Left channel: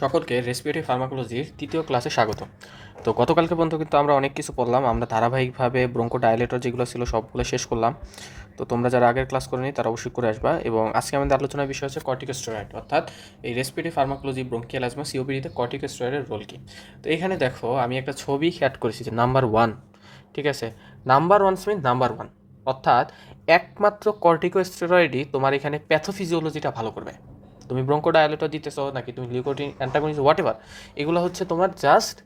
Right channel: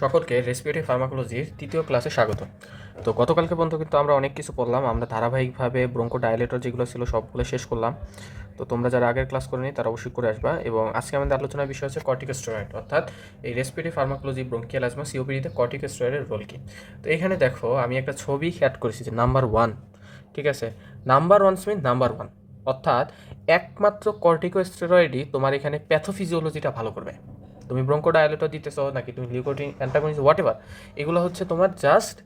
সকলকে রেসপিরেটরি ফার্মাকোলজির তৃতীয় ক্লাসে স্বাগত তো গতকালকে পর্যন্ত কিন্তু আমরা অনেক কিছু পড়লাম, আমরা ধারাবাহিকভাবে ব্রঙ্কো ডায়ালেটর যেগুলো ছিল সবগুলো শেষ করলাম। তো তোমরা যারা আগের ক্লাস করেনি, তারা অবশ্যই করে আসবা এবং আজকে আমাদের আলোচনার বিষয় হচ্ছে কর্টিকোস্টেরয়েড অর্থাৎ এই রেসপিরেটরি ফার্মাকোলজি ব্রঙ্কিয়াল অ্যাজমা সিওপিডিতে কর্টিকোস্টেরয়েডের রোল কি? তো এখানে দেখো, আমি একটা ছবি অ্যাড করেছি যে নাম্বার ওয়ান ঠিক আছে? Number one mean number one অর্থাৎ একমাত্র কর্টিকোস্টেরয়েডই তোমার এখানে প্যাথোফিজিওলজিটা ভালো করবে। তুমি ব্রঙ্কোডায়ালেটর দিতেছো, নাকি তুমি লিউকোটিন অ্যান্টাগনিজ হোয়াট এভার এগুলো হচ্ছে তোমার জাস্ট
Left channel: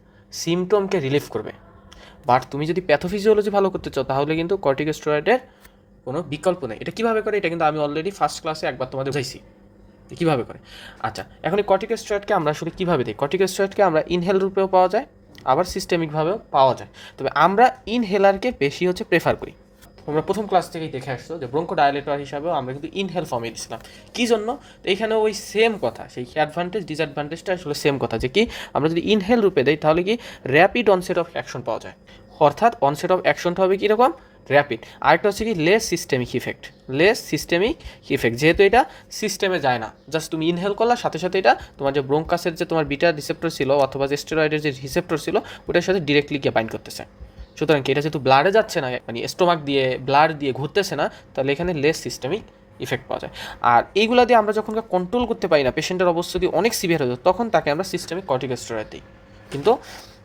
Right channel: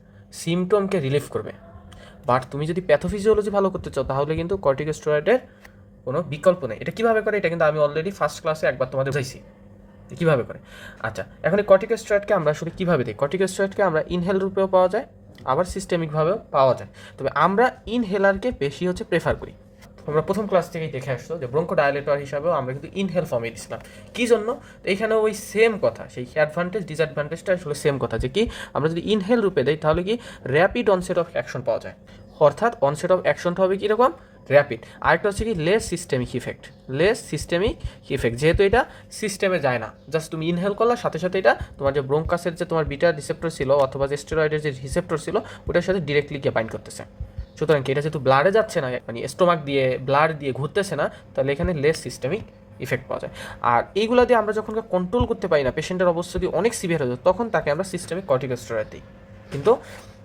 সিমটমকে রিলিফ করবে। বাট তুমি যদি প্যাথোফিজিওলজি ভালো করতে চাও, তাহলে কিন্তু কর্টিকোস্টেরয়েডের কোনো বিকল্প নেই। এটা কীভাবে করে? এটা কিন্তু আমি অলরেডি ফার্স্ট ক্লাসে একবার তোমাদের বুঝাইছি কীভাবে করে? আচ্ছা এখন এই কর্টিকোস্টেরয়েডকে আমরা আসলে কীভাবে দিই কর্টিকোস্টেরয়েডকে আমরা ইনহেল রূপেও পাওয়া যায়, আবার সিস্টেমিকভাবেও পাওয়া যায়। তবে আমরা ইনহেলারকে বেশি হচ্ছে প্রেফার করি। তোমরা প্রথম ক্লাস থেকেই দেখে আসছো যে ব্রঙ্কো ডায়ালেটর হিসাবেও আমরা কিন্তু ইনহেল ফর্মে দিছিলাম কী জন্য? এইখানে ওই সেম কথা, সেই অ্যাডভান্টেজ ডিসঅ্যাডভান্টেজটা আসলে সেম কথা যে কি, আমরা যদি ইনহেল রূপে দেই তাহলে কি র্যাপিড অনসেট অফ অ্যাকশন পাওয়া যায়। অর্থাৎ অনসেট অফ অ্যাকশনটা হবে কীরকম? র্যাপিড আরেকটা হচ্ছে কি less systemic effect less systemic effect যেহেতু এটা সিস্টেমে যায় না জাস্ট তুমি ইনহেল করলা, সাথে সাথে এটা তোমার যে ব্রোঙ্কাসের যে তোমার বিটা রিসেপ্টর ছিল অথবা যে স্টেরয়েডের যে রিসেপ্টর ছিল, ওটার সাথে ডিরেক্টলি গিয়ে বাইন্ড করতেছে। সুতরাং এটা যেহেতু ব্লাডে যাচ্ছে না মানে স্টোমাক দিয়ে ব্লাড দিয়ে ঘুরতেছে না, তাহলে এখানে লেস সিস্টেমিক ইফেক্ট পাওয়া যায়। আর এইগুলো দিয়ে আমরা যখন কন্ট্রোল করতে পারি না পেশেন্টের অবস্থা যদি অনেক সিভিয়ার হয়ে যায়, তখন তাকে আমরা সিস্টেমিক কর্টিকোস্টেরয়েড দিই। কিন্তু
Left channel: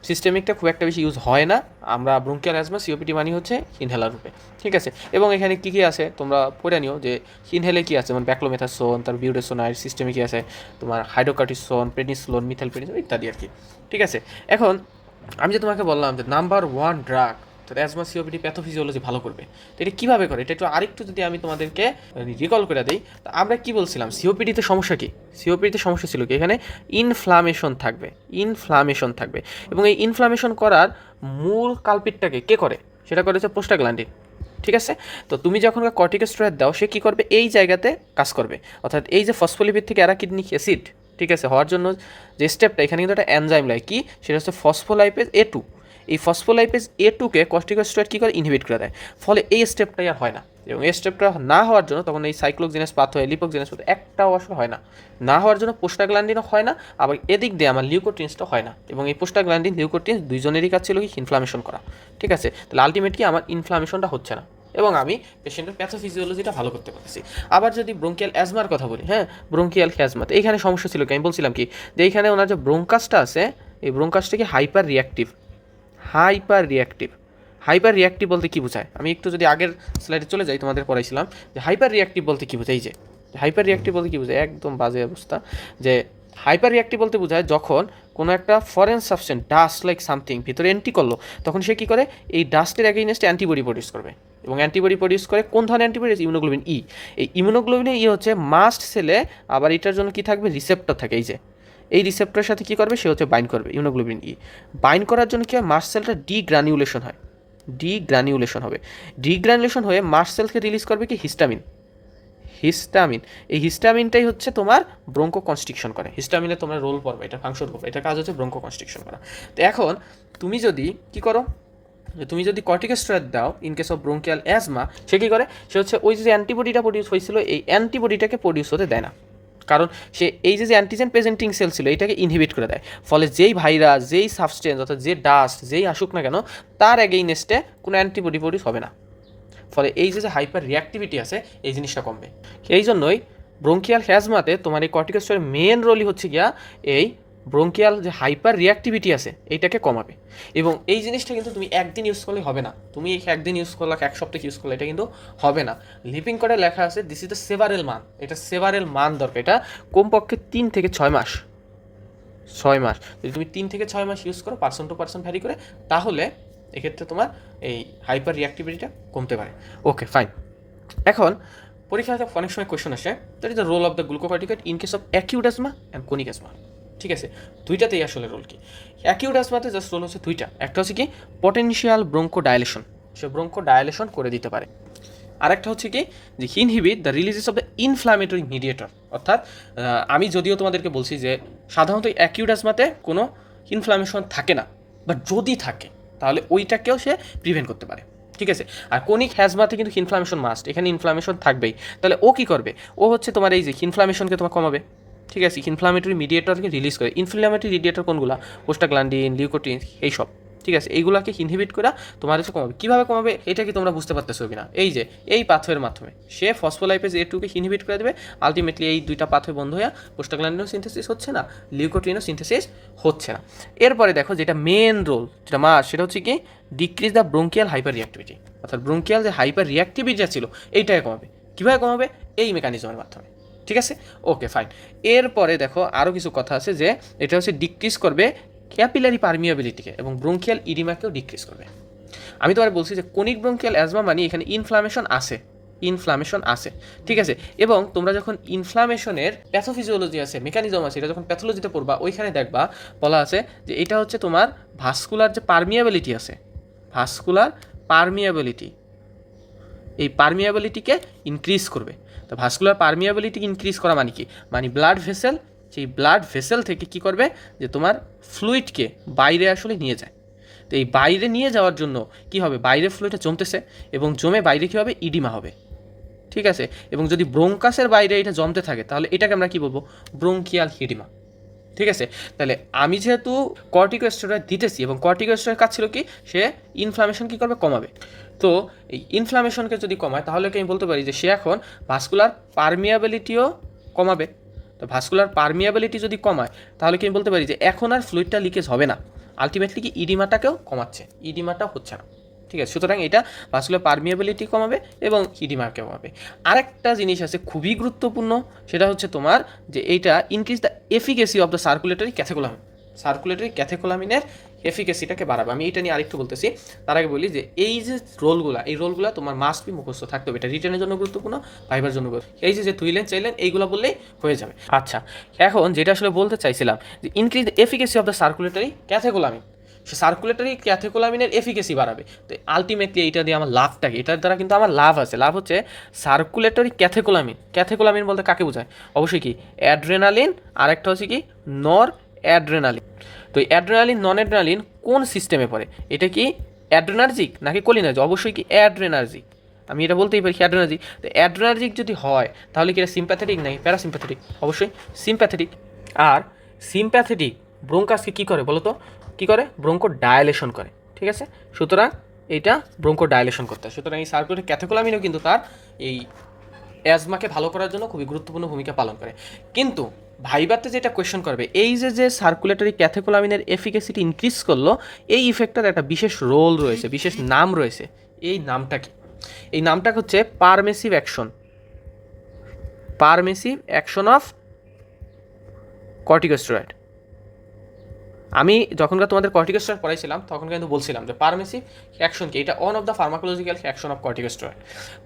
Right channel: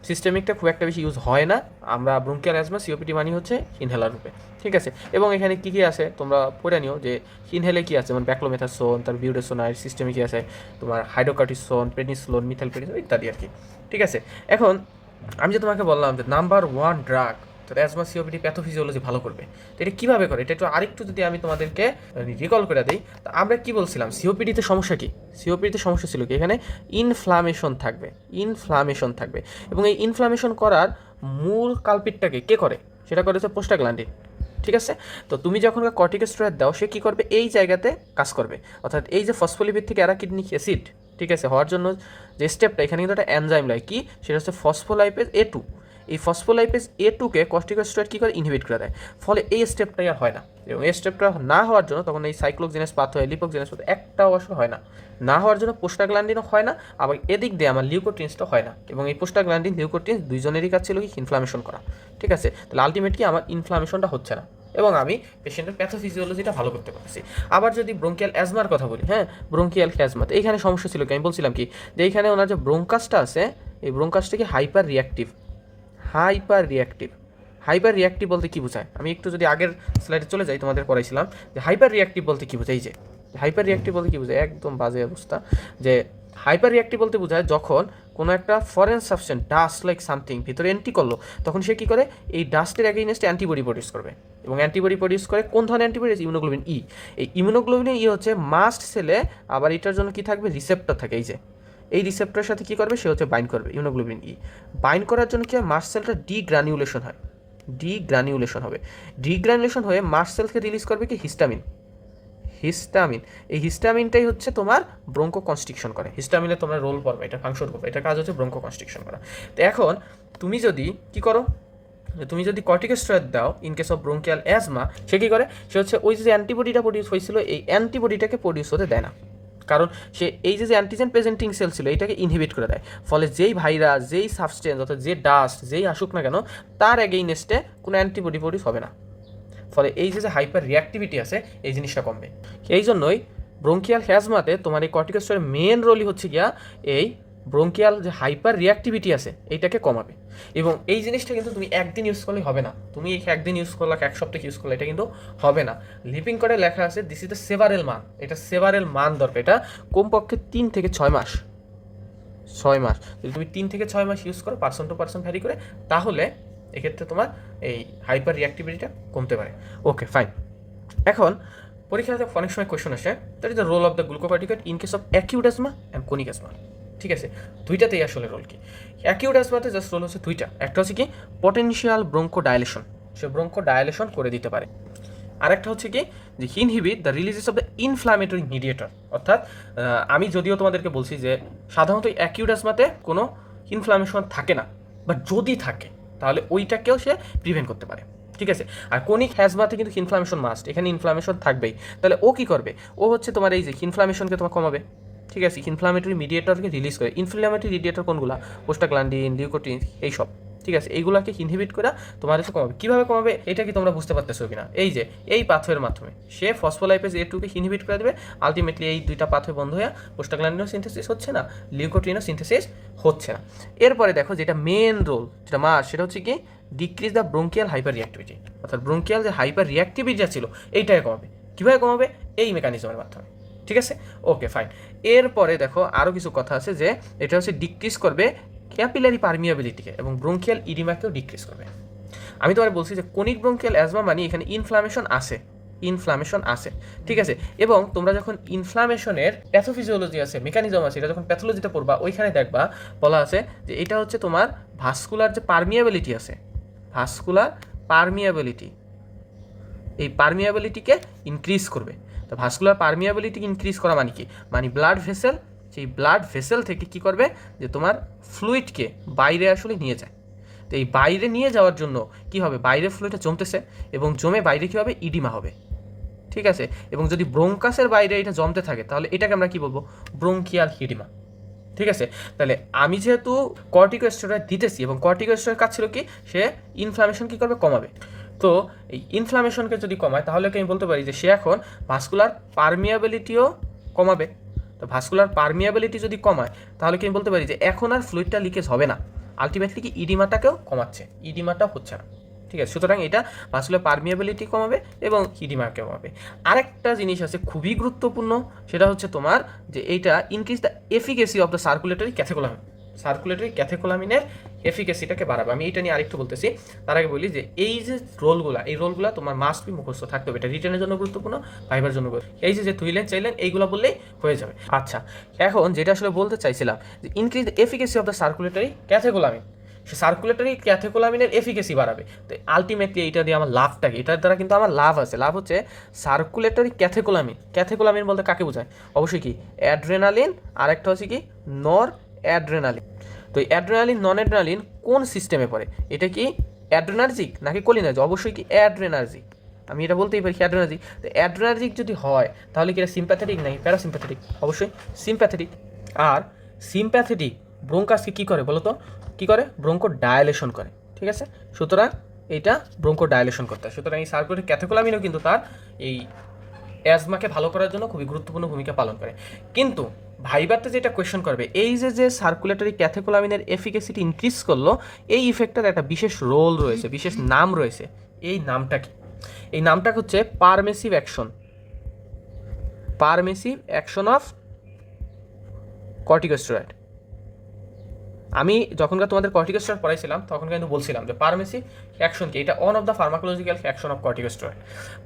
সিস্টেমিকটা খুব একটা বেশি ইউজ হয় না, আমরা ব্রঙ্কিয়াল অ্যাজমা সিওপিটি মানি হচ্ছে ইনহেলার রূপে। ঠিক আছে? এবং এখানে কী কী আছে, তোমরা পড়ে নিও যে ইনহেলে কী আছে, যেমন ব্যাক্লোমেথাসোন তার বিউডেসোনাইড সিস্টেমে কী আছে, তোমার হাইড্রোকার্টিসোন প্রেনিসলোন মিথাইল প্রেনিসোন ইত্যাদি আর কি। ঠিক আছে? এখন আমি যে তোমাকে বললাম যে নাম্বার ওয়ান ড্রাগ তো অ্যাজমা সিওপিডি প্যাথোফিজিওলজি ভালো করবে। তো এটা কীভাবে করে? এটা একটু আরেকটু যদি আমি তোমাদেরকে রিকল করে দিই, তো আমরা কি বলছিলাম? সিওপিডিতে সমস্যা কী? সিওপিডিতে সমস্যা ছিল কি? এখানে ইনফ্লামেশন থাকবে। ইনফ্লামেশন থাকবে। এবং এই ইনফ্লামেশন করার মূল কালপিটটাকে কে করে? সেটা করেছে পোস্টাগ্ল্যান্ডিন ঠিক আছে? তো তুমি যখন কর্টিকোস্টেরয়েড দাও, সে কী করবে? এই জায়গাতে কাজ করবে। অর্থাৎ এই যে ফসফোলিপিড থেকে অ্যারাকিডনিক অ্যাসিড ঠিক আছে, হওয়ার জন্য যে স্টেপটা এখানে কিন্তু একটা অ্যানজাইম লাগে। কি? সেটা হচ্ছে ফসফোলাইপেজ এ টু এই ফসফোলাইপেজ এ টুকে কস্টিকোস্টেরয়েড কী করে? ইনহিবিট করে দেয়। ফলে এই স্টেপটাই আর হয় না। এবং এই স্টেপটা না হওয়ার জন্য তখন এই সাইক্লোজিনাস পাথ হয় লিপোজিনাস পাথ একটাও আসলে হয় না। না হওয়ার জন্য পোস্টাগ্ল্যান্ডিনও হয় না। আবার এদিক দিয়ে আমার লিউকোটিন্সটা হয় না। এবং এই পোস্টাগ্ল্যান্ডিন লিউকোটিন্স দুইজনেরই কাজ ছিল কি? ইনফ্লামেশন করা। ঠিক আছে? তাহলে আলটিমেটলি আমার ইনফ্লামেশনটা হচ্ছে না। এবং আমি পেশেন্টের প্যাথোফিজিওলজিটা ভালো করতে পারছি আবার যদি ব্রঙ্কিয়াল অ্যাজমার কথা বলি হ্যাঁ ব্রঙ্কিয়াল অ্যাজমা তো এইখানে সমস্যা ছিল কি? আমি বলছিলাম কি যে এইখানে ওনার যে ব্রঙ্কাসটা আছে, এই ব্রঙ্কাসটা কি hyper reactive hyper reactive hyper reactive বলতে কী বোঝায়? আমি একটু যদি আগের স্লাইডে চলে যাই, তোমাদের পড়াইছিলাম যে হাইপার রিয়াক্টিভ বলতে কী বোঝায়? যে হাইপার রিয়াক্টিভ বলতে কী বোঝায়? একদম বাজে অবস্থা যে হাইপার রিয়াক্টিভ বলতে বোঝায় যখন কোনো একটা foreign substance dust like something ভিতরে এন্ট্রি করল, তখন সে কী করে? এই ডাস্টের অ্যাগেইনস্টে অ্যান্টিবডি প্রডিউস করবে। এবং অ্যান্টিবডি প্রডিউস করে কোন ধরনের অ্যান্টিবডি ইমিউনোগ্লোবিন ই এই ইমিউনোগ্লোবিনের ই হচ্ছে মাস্ট সেলে আবার এটার জন্য কী থাকবে? রিসেপ্টর থাকে, এই যে। এই রিসেপ্টরের সাথে কী করবে? সে হচ্ছে বাইন্ড করবে ইউনোগ্লোবিন ই বাইন্ড করার জন্য কী হয়? মাস্ট সেলটা ডি গ্রানিউলেশন হয়। ডি গ্রানিউলেশন হবে। ডি গ্রানিউলেশন হয়ে মাস্ট সেলকে রিলিজ করবে কি? হিস্টামিন হিস্টামিন এই হিস্টামিনটাই হচ্ছে তোমার ব্রঙ্কো কনস্ট্রিকশন করে হিস্টামিনে তোমার রোল পড়বে, এটা ফাংশন করবে। এটা কাজ হচ্ছে ব্রঙ্কো কনস্ট্রিকশন করা। তো এখন তুমি যদি কি করো? তুমি যদি কর্টিকোস্টেরয়েড দাও in case of bronchial asthma সে কী করে? সে হচ্ছে ওই যে অ্যান্টিবডিটা প্রডিউস হয়েছিল, এই অ্যান্টিবডিটাকে প্রডিউস হতে দেয় না। কারণ সে এই যে অ্যান্টিজেন প্রেজেন্টিং সেল ছিল, এটাকে ইনহিবিট করে দেয়। ফলে যেই ভাইরাস যেই সাবস্টেন্স অর্থাৎ যে ডাস্ট যেই আসুক না কেন, তার এগেইনেস্টে কোনো অ্যান্টিবডি প্রডিউস হবে না। ফলে এই যে হাইপার রিয়াক্টিভিটি আছে, এই জিনিসটা কমবে। এই জন্যই ব্রঙ্কিয়াল হ্যাজমাতে তোমার এই কর্টিকোস্টের মেন রোলই হচ্ছে গিয়া এই ব্রঙ্কিয়াল যে হাইপার রিয়াক্টিভিটি আছে, এইটাকে কমাবে। এবং এই জিনিসটা কিন্তু তুমি একদিন ইউজ করলে হবে না। তুমি একদিন ইউজ করলে, এক সপ্তাহে ইউজ করলে, এটা কিন্তু হবে না। লিপিং করে লেখা আছে দিস ইজ দ্য সেভারেল মান এটা সেভারেল মান দরকার। এটা কমপক্ষে তিন থেকে ছয় মাস। ছয় মাস। যদি তুমি তিন থেকে ছয় মাস ইউজ করো পার্সন টু পার্সন ভ্যারি করে, তাহলে এক্ষেত্রে তোমার এই হাইপার রিয়াক্টিভিটিটা কমতে পারে। ওকে ফাইন এখন পরীক্ষাতে অনেক সময় কোয়েশন আসে that is the role of the glucocorticoid in case of acute asthma and chronic asthma ঠিক আছে? দুইটাতেই আসলে রোল কি? অ্যাকিউট অ্যাজমাতে জাস্ট রোল হচ্ছে দুইটা। একটা হচ্ছে কি? পটেনশিয়াল ব্রঙ্কো ডায়ালেশন সে ব্রঙ্কো ডায়ালেশন করে দিতে পারে। আরেকটা হচ্ছে কি? যে inhibit the releases of the inflammatory mediator অর্থাৎ আমি যদিও তোমাদেরকে বলছি যে সাধারণত অ্যাকিউট অ্যাজমাতে কোনো ইনফ্লামেশন থাকে না। বাট যদি থাকে তাহলে ওইটাকেও সে প্রিভেন্ট করতে পারে। ঠিক আছে? আর কোনিক হ্যাজমাতে কিন্তু ইনফ্লামেশন মাস্ট এখানে ইনফ্লামেশন থাকবেই। তাহলে ও কী করবে? ও হচ্ছে তোমার এই যে ইনফ্লামেশনকে তোমার কমাবে। ঠিক আছে? ইনফ্লামেটরি মিডিয়েটরকে রিলিজ করে। ইনফ্লামেটরি মিডিয়েটর কোনগুলো? পোস্টাগ্লান্ডিন লিউকোটিন এইসব। ঠিক আছে, এইগুলোকে ইনহিবিট করা তোমার হচ্ছে কমাবে। কীভাবে কমাবে? এটা কি তোমরা বুঝতে পারতেছো কিনা? এই যে, এই পাথওয়ের মাধ্যমে। সে ফসফোলাইপেজ এ টুকে ইনহিবিট করে দেবে আলটিমেটলি এই দুইটা পাথওয়ে বন্ধ হয়ে পোস্টাগ্ল্যান্ডিনও সিনথেসিস হচ্ছে না লিউকোটিনও সিনথেসিস হচ্ছে না। এরপরে দেখো যেটা মেন রোল যেটা মাস সেটা হচ্ছে কি decrease the bronchial hyper reactivity অর্থাৎ ব্রোঙ্কিয়াল যে হাইপার রিয়াক্টিভিটি যা ছিল এইটাই কমাবে। কীভাবে কমাবে? এই মেকানিজমের মাধ্যমে। ঠিক আছে? ওকে ফাইন এরপরে দেখো আরও কিছু কথা আছে যে, এটা হচ্ছে ডিক্রিজ করবে ক্যাপিলারি পারমিয়াবিলিটিকে এবং ব্রোঙ্কিয়াল ইডিমাকেও ডিক্রিজ করবে। আমি তোমার বলছি যে কোনিক ব্রোঙ্কিয়াল অ্যাজমা মানে এখানে ইনফ্লামেশন আছে। ইনফ্লামেশন আছে, ঠিক আছে? এবং তোমরা যখন ইনফ্লামেশনের প্যাথোফিজিওলজি আছে মেকানিজম আছে, এটা যখন প্যাথোলজিতে পড়বা, ওইখানে দেখবা, বলা আছে যে এটা হচ্ছে তোমার ভাস্কুলার যে পারমিয়াবিলিটি আছে ভাস্কুলার পারমিয়াবিলিটি এই পারমিয়াবিলিটিকে ইনক্রিজ করবে। তো ভাস্কুলার পারমিয়াবিলিটি ইনক্রিজ করা মানে কি? মানে ব্লাড ভেসেল সেই ব্লাড ভেসেল থেকে কি করবে? যে তোমার ফ্লুইডকে বাইরে আসলে নিয়ে যায়। তো এই বাইরে নিয়ে যাওয়ার জন্য কি হবে? বাইরে ফ্লুইডটা জমতেছে এবং জমে বাইরে কী হবে? ইডিমা হবে। ঠিক আছে? এবং যদি ব্রোঙ্কাসের বাইরে এটা জমতে থাকে, তাহলে এটাকে আমরা কি বলব? ব্রোঙ্কিয়াল হিডিমা ঠিক আছে? তাহলে আমি যেহেতু কর্টিকোস্টেরয়েড দিতেছি এবং কর্টিকোস্টেরয়েড কাজ ছিল কি? সে ইনফ্লামেশন কী করবে? কমাবে। তো এই ইনফ্লামেশনকে যদি কমায়, তাহলে কি আমি বলতে পারি যে সে এখন ভাস্কুলার পারমিয়াবিলিটিও কমাবে। তো ভাস্কুলার পারমিয়াবিলিটি যদি কমায়, তাহলে কি আমি বলতে পারি যে এখন আর ফ্লুইডটা লিকেজ হবে না। আলটিমেটলি কি ইডিমাটাকেও কমাচ্ছে ইডিমাটা হচ্ছে না। ঠিক আছে, সুতরাং এটা ভাস্কুলার পারমিয়াবিলিটি কমাবে এবং ইডিমাকে কমাবে। আরেকটা জিনিস আছে খুবই গুরুত্বপূর্ণ, সেটা হচ্ছে তোমার যে এইটা increase the efficacy of the circulatory catecholamine circulatory ক্যাথেকোলামিনের এফিকেসিটাকে বাড়াবে। আমি এটা নিয়ে আরেকটু বলতেছি। তার আগে বলি যে এই যে রোলগুলো, এই রোলগুলো তোমার মাস্ট বি মুখস্থ থাকতে হবে। এটা রিটার্নের জন্য গুরুত্বপূর্ণ ভাইবার জন্য গুরুত্ব- এই যে যে তুইলেন, চাইলেন, এইগুলো বললেই হয়ে যাবে। আচ্ছা এখন যেটা আসলে বলতে চাইছিলাম যে increase efficacy of the circulatory catecholamine say circulatory ক্যাথেকোলামিনের এফিকেসি বাড়াবে। তো আলটিমেটলি এইটা দিয়ে আমার লাভটা কি এটার দ্বারা কিন্তু আমার লাভ আছে। লাভ হচ্ছে সার্কুলেটরি ক্যাথেকোলামিন ক্যাথেকোলামিন বলতে কাকে বোঝায়? অবশ্যই কি অ্যাড্রেনালিন আরেকটা হচ্ছে কি নর অ্যাড্রেনালিন তো অ্যাড্রেনালিন নন অ্যাড্রেনালিন কোন সিস্টেমে পড়ে? এটা কি অ্যাড্রেনার্জিক নাকি কোলিনার্জিক অবশ্যই কি অ্যাড্রেনার্জিক আমি এটা বলতেই পারি অ্যাড্রেনার্জিক তো অ্যাড্রেনার্জিক যদি হয়, তাহলে কি এটা সিম্প্যাথেটিক নাকি প্যারাসিম্প্যাথেটিক অবশ্যই সিম্প্যাথেটিক আর সিম্প্যাথেটিক ব্রোঙ্কাসকে কী করে বলো তো কী করে? ব্রোঙ্কো ডায়ালেশন করে, ঠিক আছে? সুতরাং এটা ব্রোঙ্কো ডায়ালেশন করতে হয়। সুতরাং এই সার্কুলের ক্যাথেকোলামিনও কিন্তু তার এই অ্যাজমাকে ভালো করার জন্য খুবই গুরুত্বপূর্ণ ভূমিকা পালন করে। কিন্তু ভাইবাতে যেটা কোয়েশ্চন করবে, এই যে যে সার্কুলেটরি ক্যাথেকোলামিনের এফিকেসিটি ইনক্রিজ করল, এই ইফেক্টটার একটা বিশেষ রোল রয়েছে, বিশেষ নাম রয়েছে। এই নামটা কি? এই নামটা হচ্ছে permissive action permissive action of corticosteroid আমি যখনকার তোমাদের কর্টিকোস্টেরয়েড পড়াইছিলাম, তখন কিন্তু বলছিলাম যে পারমেসিভ ফ্যাকশন কি? এটা one of the pharmacological action of corticosteroid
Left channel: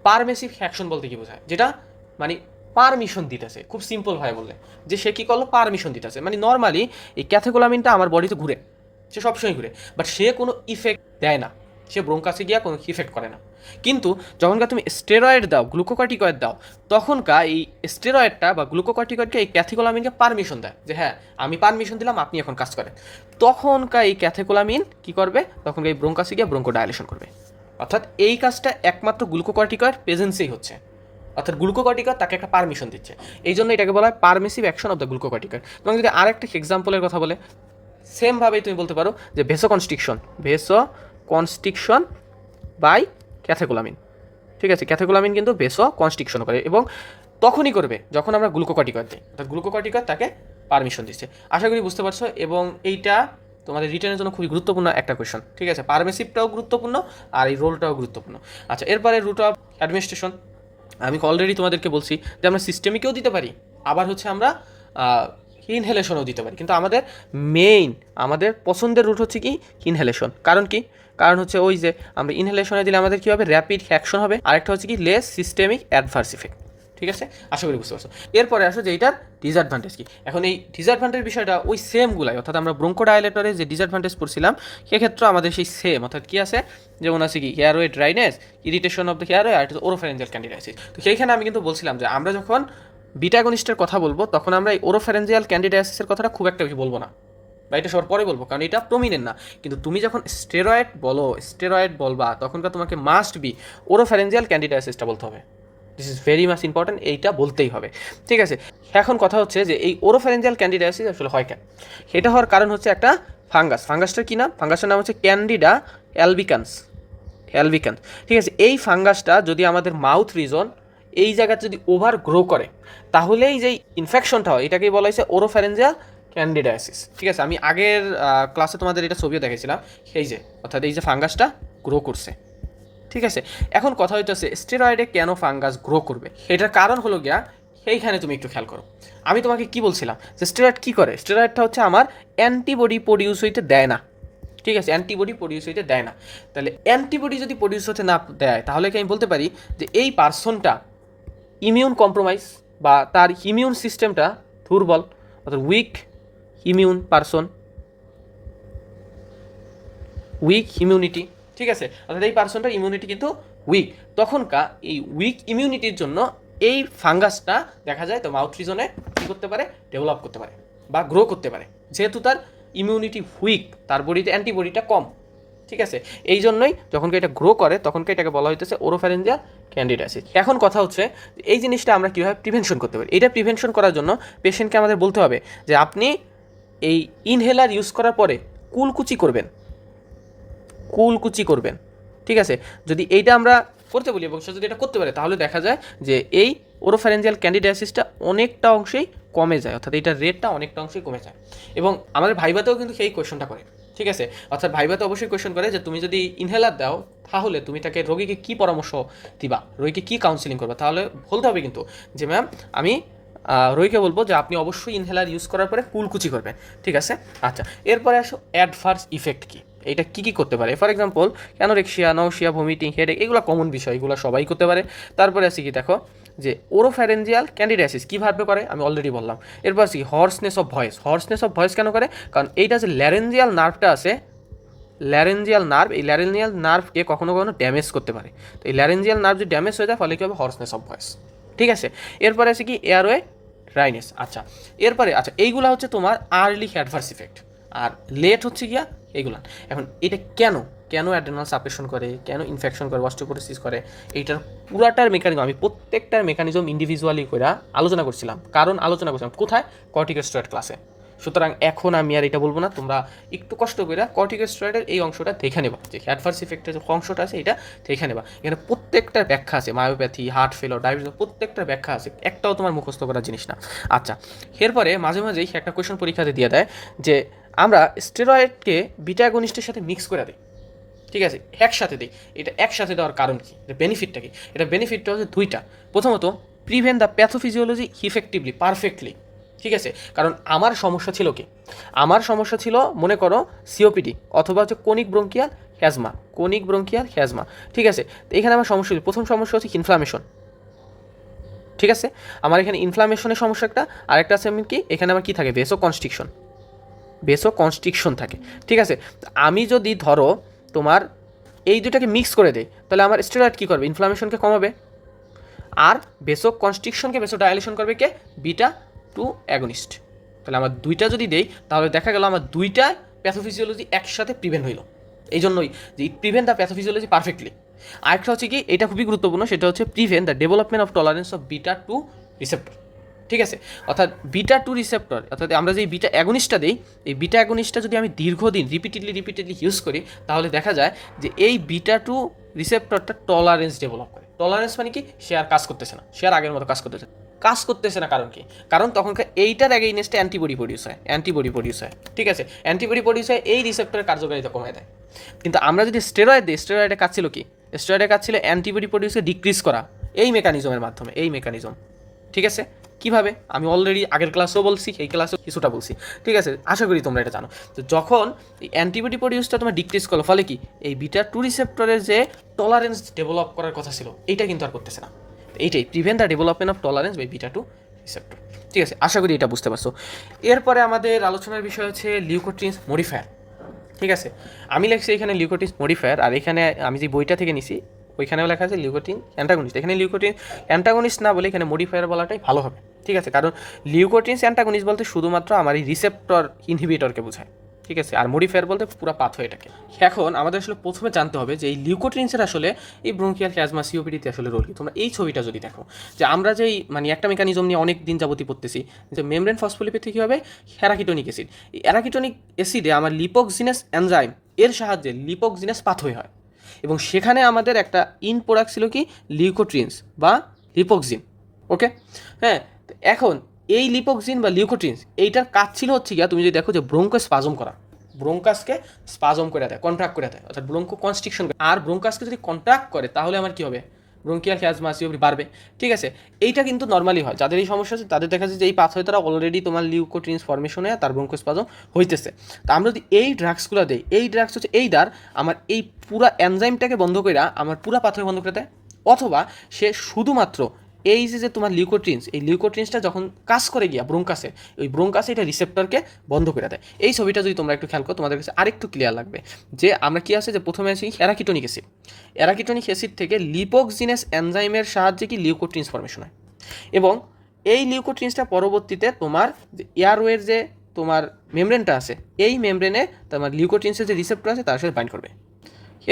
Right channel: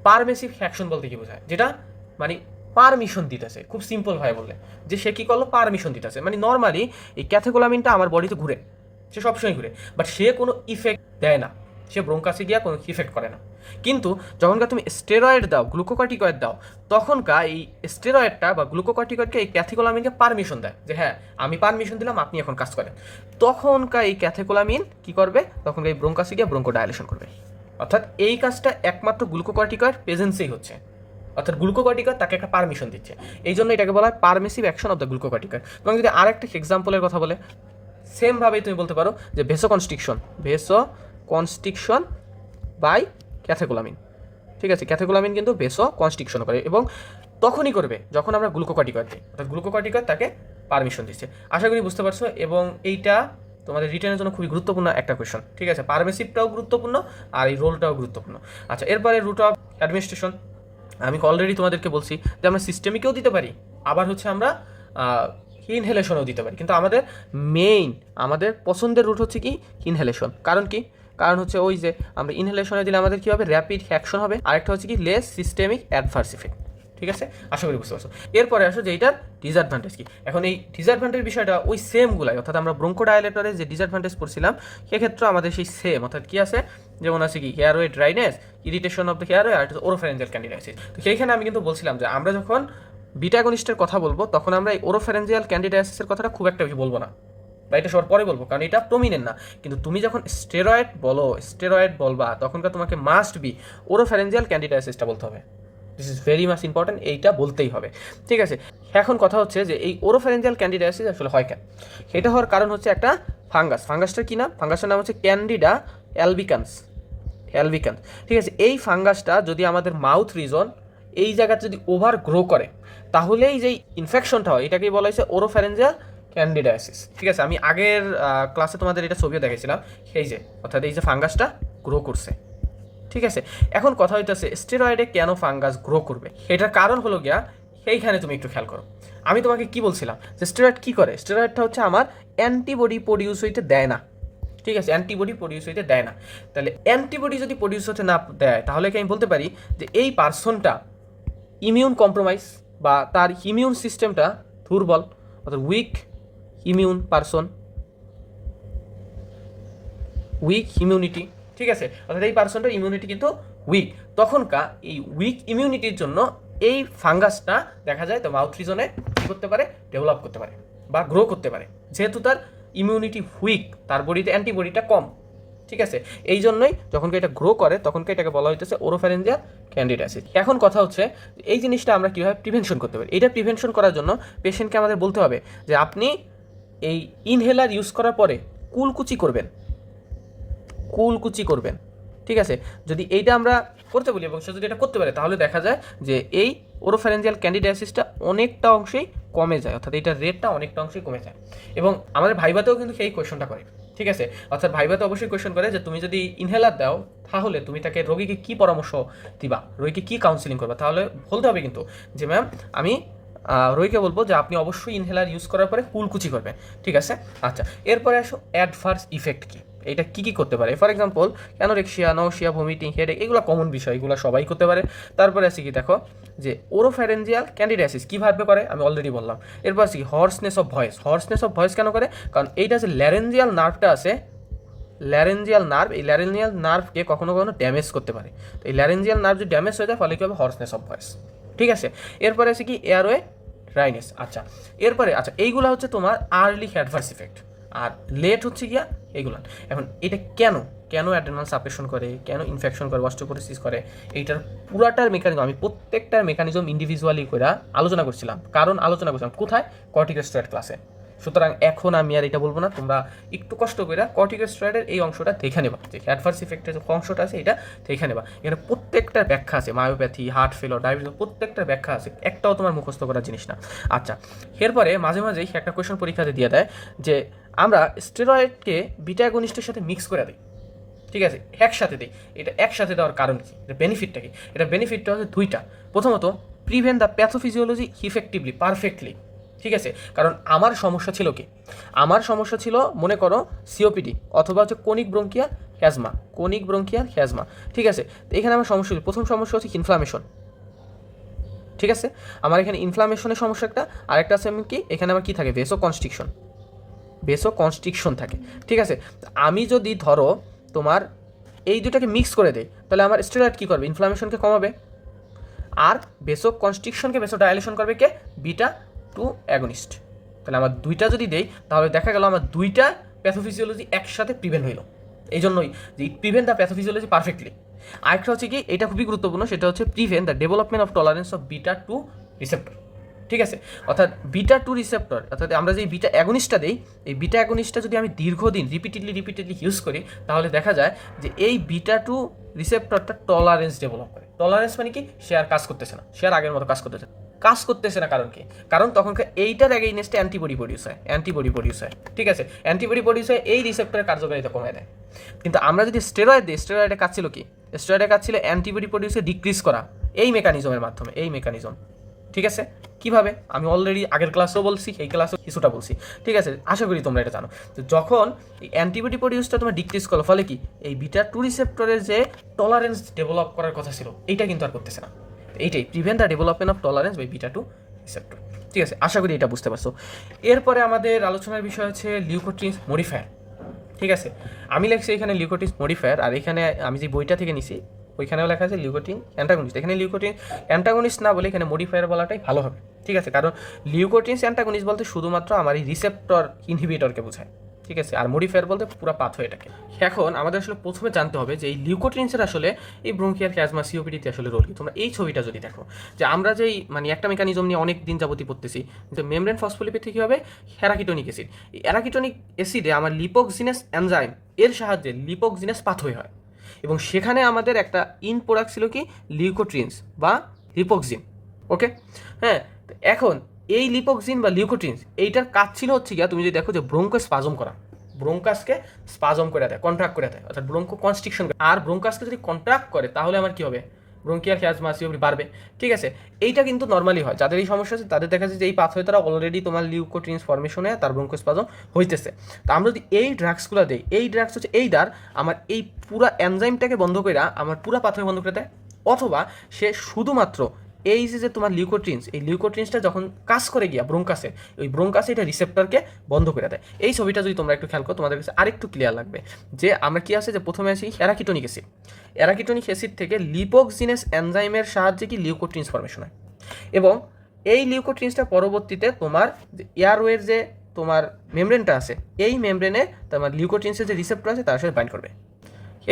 permissive action বলতে কি বোঝায়? যেটা মানে পারমিশন দিতেছে, খুব সিম্পল ভাবে বললে। যে সে কী করল? পারমিশন দিতেছে। মানে নর্মালি এই ক্যাথেকোলামিনটা আমার বডিতে ঘুরে, সে সবসময় ঘুরে। বাট সে কোনো ইফেক্ট দেয় না। সে ব্রোঙ্কাসে কোনো ইফেক্ট করে না। কিন্তু যখনকার তুমি স্টেরয়েড দাও, গ্লুকোকর্টিকয়েড দাও তখনকার এই স্টেরয়েডটা বা গ্লুকোকর্টিকয়েডকে এই ক্যাথিকোলামিনকে পারমিশন দেয় যে হ্যাঁ আমি পারমিশন দিলাম, আপনি এখন কাজ করেন। তখনকার এই ক্যাথিকোলামিন কি করবে? তখন এই ব্রোঙ্কাসে ব্রোঙ্কো ডায়ালেশন করবে। অর্থাৎ এই কাজটা একমাত্র গ্লুকোকর্টিকয়েড প্রেজেন্সেই হচ্ছে। অর্থাৎ গ্লুকোকর্টিকয়েড তাকে একটা পারমিশন দিচ্ছে। এই জন্য এটাকে বলা হয় permissive action of the glucocorticoid. এবং যদি আরেকটা এক্সাম্পলের কথা বলে, সেমভাবেই তুমি বলতে পারো যে vasoconstriction vasoconstriction by catecholamine ঠিক আছে ক্যাথেকোলামিন কিন্তু ভেসো কনস্ট্রিকশন করে এবং তখনই করবে যখন আমরা গ্লুকোকর্টিকয়েড দিই। অর্থাৎ গ্লুকোকর্টিকয়েড তাকে পারমিশন দিচ্ছে। আশা করি বুঝতে পারছ এবং এইটা তোমাদের রিটার্নের জন্য খুবই গুরুত্বপূর্ণ একটা কোয়েশন ঠিক আছে পারমিসিভটাও গুরুত্বপূর্ণ আর এই রোলটাও গুরুত্বপূর্ণ। আচ্ছা এরপরে রুট অফ অ্যাডমিনিস্ট্রেশন আমি অলরেডি তোমাদেরকে বলছি যে আমরা সিস্টেমিকেও দিতে পারি, আবার হচ্ছে আমরা ইনহেলেশনও দিতে পারি। কিন্তু আমাদের মেইন আমাদের পছন্দের রুট হচ্ছে কি? ইনহেলেশন কারণ কি? কারণ হচ্ছে ওই যে আমরা ইনহেলেশনে দিলে আমাদের কী হবে? র্যাপিড অ্যাকশন হবে। আরেকটা হচ্ছে কি? লেস সিস্টেমিক অ্যাডভার্স ইফেক্ট ঠিক আছে? আশা করি বুঝতে পারছ। এরপরে আসো যে এইটার ডিসঅ্যাডভান্টেজ কি? এখন এই ডিসঅ্যাডভান্টেজ বিষয়টা ওই সেমগুলাই অর্থাৎ আমরা ব্রঙ্কো ডায়ালেটরে যে ডিসঅ্যাডভান্টেজ পড়ছিলাম সেক্ষেত্রে আমাদের সেই সেম অর্থাৎ কি আছে? যেমন আছে কি? Airway dryness irritation of the airway R oropharyngeal candidiasis তো সেইখানে আমি কিন্তু বলছিলাম যে আমরা যখন বিটাগনিস্টের কথা বলব, তখন আমরা এই ওরোফারেঞ্জিয়াল ক্যান্ডিডাইসিসের কথাটা খুব একটা বেশি বলব না। বা এটা সবার পরে বলব, কারণ এটা প্রমিনেন্ট না। কিন্তু তুমি যখন স্টেরয়েড বলো স্টেরয়েড বলবা তখনকার তোমাকে মাস্ট বি ওরোফ্যারেঞ্জিয়াল ক্যান্ডিডাইসিসটা বলতে হবে। This is very much important এইটা বলতেই হবে। ঠিক আছে? এখন কথা হচ্ছে যে, এই ওরোফ্যারেঞ্জিয়াল ক্যান্ডিডাইসিস আসলে হয় কেন? সেটা হওয়ার কারণ হচ্ছে একটা ফাঙ্গাস ফাঙ্গাসটার কী নাম? ফাঙ্গাসটার নাম হচ্ছে ক্যান্ডিডা অ্যালবিকান্স অ্যালবিকান্স ঠিক আছে? এই ফাঙ্গাসটা যদি আমাদের মাউথ রিজন এই জায়গাতে যদি ওভার গ্রো করে, তাহলেই যে ইনফেকশনটা হয়, এটাকেই বলা হয়েছে ওরোফ্যারেঞ্জিয়াল ক্যান্ডিডাইসিস। ঠিক আছে, আমি আগের ক্লাসে তোমাদের এটা ছবিও দেখেছিলাম। এই যে, অর্থাৎ এই যে ফাঙ্গাসটা গ্রো করছে। ঠিক আছে, এখন কথা হইতেছে স্টেরয়েডে কেন ফাঙ্গাস গ্রো করবে? এটার কারণ হলো গিয়া, এইখানে তুমি একটু খেয়াল করো। আমি তোমাকে কি বলছিলাম, যে স্টেরয়েড কী করে? স্টেরয়েডটা হচ্ছে আমার অ্যান্টিবডি প্রডিউস হইতে দেয় না। ঠিক আছে অ্যান্টিবডি প্রডিউস হইতে দেয় না। তাহলে অ্যান্টিবডি যদি প্রডিউস হতে না দেয়, তাহলে কি আমি বলতে পারি যে এই পার্সনটা ইমিউন কম্প্রোমাইজ বা তার ইমিউন সিস্টেমটা দুর্বল, অর্থাৎ weak immune person weak immunity ঠিক আছে? অর্থাৎ এই পার্সনটার ইমিউনিটি কিন্তু উইক তখনকার এই উইক ইমিউনিটির জন্য এই ফাঙ্গাসটা দেখা যায় তো মাউথ রিজনে কী করতে পারে? ডেভেলপ করতে পারে বা গ্রো করতে পারে। যেহেতু তার ইমিউনিটি উইক তার বডিতে অ্যান্টিবডিটা কম। ঠিক আছে? এই জন্যই যখন এটা গ্রো করে তখন এটাকে বলা হইতেছে ওরোফ্যারেঞ্জিয়াল ক্যান্ডিডাসিস এখন কথা হচ্ছে এই জিনিসটা আমরা কীভাবে প্রিভেনশন করতে পারি? এটা প্রিভেনশন করার জন্য পেশেন্টকে আমাদের বলতে হবে যে আপনি এই ইনহেলার ইউজ করার পরে কুলকুচি করবেন। কুলকুচি করবেন। ঠিক আছে? যদি এইটা আমরা করতে বলি এবং সে যদি এটা করতে পারে, তাহলে দেখা যায় যে এই ওরোফ্যারেঞ্জিয়াল ক্যান্ডিডাইসিসটা অনেকটা অংশেই কমে যায়, অর্থাৎ এইটার রেটটা অনেকটা অংশেই কমে যায়। এবং আমাদের ভাইবাতেও কিন্তু সেই কোয়েশনটা করে। ঠিক আছে? অর্থাৎ ভাইবাতে অবশ্যই কোয়েশন করে যে তুমি যদি ইনহেলার দাও, তাহলে তুমি তাকে রোগীকে কী পরামর্শ দিবা? রোগীকে কী কাউন্সিলিং করবা? তাহলে বলতে হবে কিন্তু যে, ম্যাম, আমি রোগীকে বলব যে আপনি অবশ্যই ইনহেলার ইউজ করার পরে কুলকুচি করবেন, ঠিক আছে? আচ্ছা এরপরে আসো অ্যাডভার্স ইফেক্ট কী? এটা কী কী করতে পারে? For example anorexia nausea vomiting headache এগুলো কমন বিষয়, এগুলো সবাই করতে পারে। তারপরে আছে কি দেখো, যে ওরোফ্যারেঞ্জিয়াল ক্যান্ডিডাইসিস কীভাবে করে আমি অলরেডি বললাম। এরপর আছে কি hoarseness of voice hoarseness of voice কেন করে? কারণ এইটা যে ল্যারেঞ্জিয়াল নার্ভটা আছে ল্যারেঞ্জিয়াল নার্ভ এই ল্যারেঞ্জিয়াল নার্ভকে কখনো কখনো ড্যামেজ করতে পারে। তো এই ল্যারেঞ্জিয়াল নার্ভ যদি ড্যামেজ হয়ে যায় ফলে কী হবে? হর্সনেস অফ ভয়েস ঠিক আছে? এরপরে আছে কি এয়ারওয়ে ড্রাইনেস আচ্ছা। এরপরে আচ্ছা এইগুলো হচ্ছে তোমার আর্লি অ্যাডভার্স ইফেক্ট আর লেট হচ্ছে গিয়া এইগুলা এখন এটা কেন? কেন অ্যাডেনাল সাপেশন করে? কেন ইনফেকশন করে? অস্টিওপোরোসিস করে? এইটার পুরাটার মেকানিজম আমি প্রত্যেকটার মেকানিজম ইন্ডিভিজুয়ালি করে আলোচনা করছিলাম। কারণ আলোচনা করছিলাম। কোথায়? কর্টিকোস্টেরয়েড ক্লাসে সুতরাং এখন আমি আর এটা বলব না, তোমরা একটু কষ্ট করে কর্টিকোস্টেরয়েডের এই অংশটা দেখে নেবা। যে অ্যাডভার্স ইফেক্টের যে অংশটা আছে, এটা দেখে নেবা। এখানে প্রত্যেকটার ব্যাখ্যা আছে মায়োপ্যাথি হার্ট ফেলো ডায়াবেটিস প্রত্যেকটার ব্যাখ্যা আছে, একটাও তোমার মুখস্থ করার জিনিস না। আচ্ছা এরপরে মাঝে মাঝেই একটা কোয়েশন পরীক্ষাতে দিয়ে দেয় যে, আমরা স্টেরয়েডকে বিটাগনিস্টের সাথে মিক্স করে দিই। ঠিক আছে? একসাথে দিই। এটা একসাথে দেওয়ার কারণ কি? এটা বেনিফিটটা কি? এটা বেনিফিটটা হচ্ছে দুইটা। প্রথমত prevent the pathophysiology effectively perfectly ঠিক আছে? কারণ আমার সমস্যা ছিল কি? আমার সমস্যা ছিল, মনে করো সিওপিডি অথবা হচ্ছে chronic bronchial asthma chronic bronchial asthma ঠিক আছে? এখানে আমার সমস্যা প্রথম সমস্যা হচ্ছে ইনফ্লামেশন ঠিক আছে? আমার এখানে ইনফ্লামেশনের সমস্যা একটা, আরেকটা আছে আমি কি? এখানে আমার কি থাকে? ভেসো কনস্ট্রিকশন বেসো কনস্ট্রিকশন থাকে, ঠিক আছে? আমি যদি ধরো তোমার এই দুটাকে মিক্স করে দেয় তাহলে আমার স্টেরয়েড কী করবে? ইনফ্লামেশনকে কমাবে। আর বেসো কনস্ট্রিকশনকে বেসো ডায়ালেশন করবে কে? Beta two against. তাহলে আমার দুইটা যদি দেই, তাহলে দেখা গেল আমার দুইটা প্যাথোফিজিওলজি একসাথে প্রিভেন্ট হইল। এই জন্যই যে it prevent the pathophysiology perfectly আরেকটা হচ্ছে কি, এটা খুবই গুরুত্বপূর্ণ, সেটা হচ্ছে prevent the development of tolerance of beta two receptor ঠিক আছে? অর্থাৎ বিটা টু রিসেপ্টর অর্থাৎ আমরা যে বিটা অ্যাগনিস্টটা দিই, এই বিটা অ্যাগনিস্টটা যদি আমি দীর্ঘদিন রিপিটেডলি রিপিটেডলি ইউজ করি, তাহলে দেখা যায় যে এই বিটা টু রিসেপ্টরটা টলারেন্স ডেভেলপ করে। টলারেন্স মানে কি? সে আর কাজ করতেছে না। সে আর আগের মতো কাজ করতেছে না। কাজ করতেছে না কারণ কি কারণ তখনকার এইটার এগেইনস্টে অ্যান্টিবডি প্রডিউস হয় অ্যান্টিবডি প্রডিউস হয়, ঠিক আছে? অ্যান্টিবডি প্রডিউস হয়, এই রিসেপ্টরের কার্যকারিতা কমে দেয়। কিন্তু আমরা যদি স্টেরয়েড দিই স্টেরয়েডের কাজ ছিল কি? স্টেরয়েডের কাজ ছিল অ্যান্টিবডি প্রডিউসে ডিক্রিজ করা, এই মেকানিজমের মাধ্যমে, এই মেকানিজম ঠিক আছে? কীভাবে? আমি অলরেডি আগের ক্লাসেও বলছি, এই ক্লাসেও কিছুটা বলছি, ঠিক আছে? আশা করি তোমরা এটা জানো। তো যখন এই অ্যান্টিবডি প্রডিউসটা তোমার ডিক্রিজ করো ফলে কি? এই বিটা টু রিসেপ্টরের যে টলারেন্স ডেভেলপ করার কথা ছিল, এইটা কিন্তু আর করতেছে না। এইটাই prevent the development of tolerance by beta two receptor ঠিক আছে, আশা করি এটা বুঝতে পারছ। এরপরে আমাদের আলোচনার বিষয় হচ্ছে লিউকোট্রিনস মডিফায়ার ঠিক আছে, আমি লিখছি এখানে লিউকোটিন মডিফায়ার আর এখানে আমি যে বইটা থেকে নিছি, ওইখানেও লেখা আছে লিউকোটিন অ্যান্টাগনিস্ট এখানে লিউকোটিন অ্যান্টাগনিস্ট না বলে এখানে মডিফায়ার বলাটাই ভালো হবে। ঠিক আছে, কারণ লিউকোটিনস অ্যান্টাগনিস্ট বলতে শুধুমাত্র আমার এই রিসেপ্টর ইনহিবিটরকে বোঝায়। ঠিক আছে, আর মডিফায়ার বলতে পুরো পাথওয়েটাকে এখন আমাদের আসলে প্রথমে জানতে হবে যে এই লিউকোট্রিন্সের আসলে এই ব্রঙ্কিয়াল ক্যাজমা সিওপিডিতে আসলে রোল তোমরা এই ছবিটা যদি দেখো, যে আমরা যেই মানে একটা মেকানিজম নিয়ে অনেক দিন যাবতই পড়তেছি, যে মেমব্রেন ফসফোলিপিড কী হবে হ্যারাকিটোনিক অ্যাসিড এই অ্যারাকিটোনিক অ্যাসিডে আমার লিপোক্সিনাস এনজাইম এর সাহায্যে লিপোক্সিনাস পাথওয়ে হয়। এবং সেখানে আমাদের একটা ইন প্রোডাক্ট ছিল কি? লিউকোট্রিন্স বা লিপোক্সিন ওকে হ্যাঁ এখন এই লিপোক্সিন বা লিউকোট্রিন্স এইটার কাজ ছিল হচ্ছে গিয়া তুমি যদি দেখো যে ব্রোঙ্কো স্পাজম করা ব্রোঙ্কাসকে স্পাজম করে দেয় কন্ট্রাক্ট করে দেয়, অর্থাৎ ব্রোঙ্কো কনস্ট্রিকশন আর ব্রোঙ্কাসকে যদি কন্ট্রাক্ট করে, তাহলে আমার কি হবে? ব্রোঙ্কিয়াল ক্যাজমা সিওপি বাড়বে। ঠিক আছে? এইটা কিন্তু নর্মালি হয়। যাদের এই সমস্যা আছে তাদের দেখা যাচ্ছে যে এই পাথওয়ে তারা অলরেডি তোমার লিউকোট্রিন্স ফর্মেশনে তার ব্রোঙ্কোস্পাজম হইতেছে। তা আমরা যদি এই ড্রাগসগুলো দেই, এই ড্রাগস হচ্ছে এই দ্বার, আমার এই পুরা এনজাইমটাকে বন্ধ করে আমার পুরা পাথওয়ে বন্ধ করে দেয়। অথবা সে শুধুমাত্র এই যে তোমার লিউকোট্রিন্স এই লিউকোট্রিন্সটা যখন কাজ করে গিয়া ব্রোঙ্কাসে, ওই ব্রোঙ্কাসে এটা রিসেপ্টরকে বন্ধ করে দেয়। এই ছবিটা যদি তোমরা একটু খেয়াল করো, তোমাদের কাছে আরেকটু ক্লিয়ার লাগবে যে, আমরা কি আছে যে, প্রথমে আছি অ্যারাকিটোনিক অ্যাসিড অ্যারাকিটোনিক অ্যাসিড থেকে লিপোক্সিনেস এনজাইমের সাহায্যে কি লিউকোট্রিন্স ফর্মেশন হয়? এবং এই লিউকোট্রিন্সটা পরবর্তীতে তোমার এয়ারওয়ের যে তোমার মেমব্রেনটা আছে, এই মেমব্রেনে তোমার লিউকোট্রিন্সের যে রিসেপ্টর আছে, তার সাথে বাইন্ড করবে।